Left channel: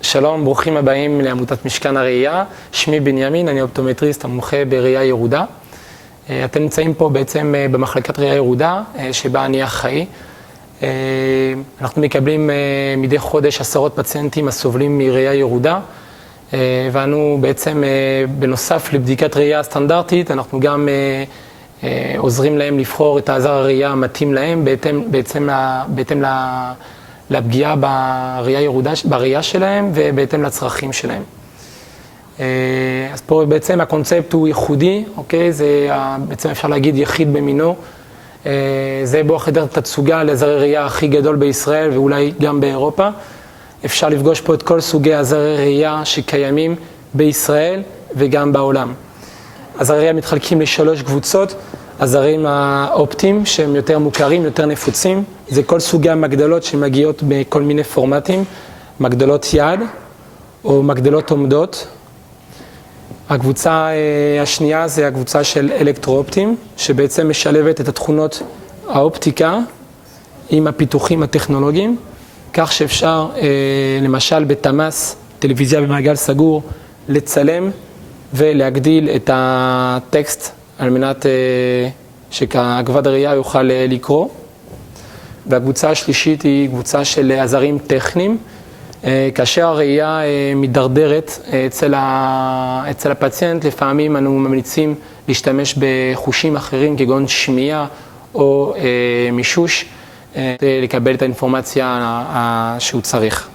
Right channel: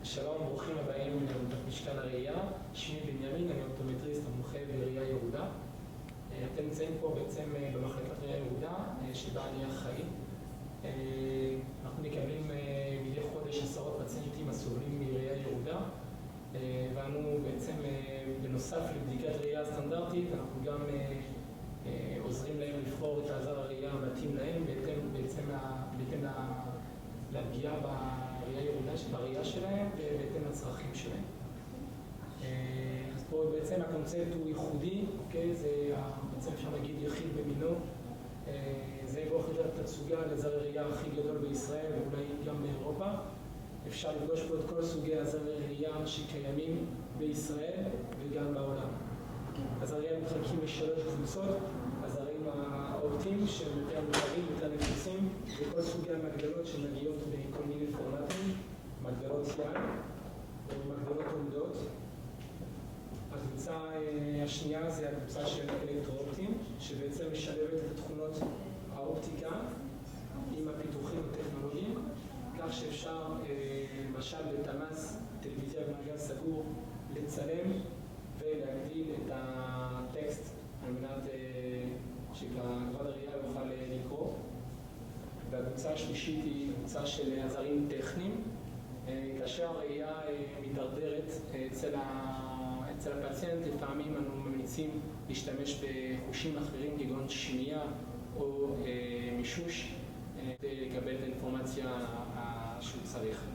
שלום, ברוכים הבאים לעמותת משכן הראייה. שמי בנימין, אני אופטומטריסט המומחה בראייה ירודה. אתם נמצאים פה בעצם במחלקת ראייה ירודה, שבה אני אחראי. אנחנו מקבלים מדי חודש עשרות פציינטים הסובלים מראייה ירודה, ואנו בעצם בנוסף לבדיקת ראייה הסטנדרטית, אנחנו גם עוזרים להם לבחור את העזר הראייה המתאים להם, בהתאם לפגיעה בראייה שלהם ובהתאם לצרכים שלהם. אז פה בעצם הקונספט הוא ייחודי, אוקיי? זה בעצם אפשר להגיד יחיד במינו. זה בו חדר תצוגה לעזרי ראייה הכי גדול בישראל ואולי גם באירופה. אפשר לפגוש פה את כל סוגי עזרי ראייה שקיימים בישראל וגם בעולם. עזרי ראייה מתחלקים לשלוש קבוצות. עזרים האופטיים שהם יותר מוכרים, יותר נפוצים. זה כל סוגי המגדלות שמגיעות בכל מיני פורמטים. מגדלות יד או מגדלות עומדות. הקבוצה השנייה זה הקבוצה של אלקטרו-אופטיים, שבעצם משלבת את התכונות האופטיקה עם הפיתוחים הטכנולוגיים, כך שאפשר למשל בתמ"ס, טלוויזיה במעגל סגור, לצלם ולהגדיל את הטקסט על מנת שכבד הראייה יוכל לקרוא. והקבוצה השלישית היא קבוצה של עזרים טכניים, כאשר הראייה מדרדרת אצל הפציינט, לפעמים אנו ממליצים להשתמש בחושים אחרים כגון שמיעה או מישוש, לקבל את האינפורמציה שהוא צריך.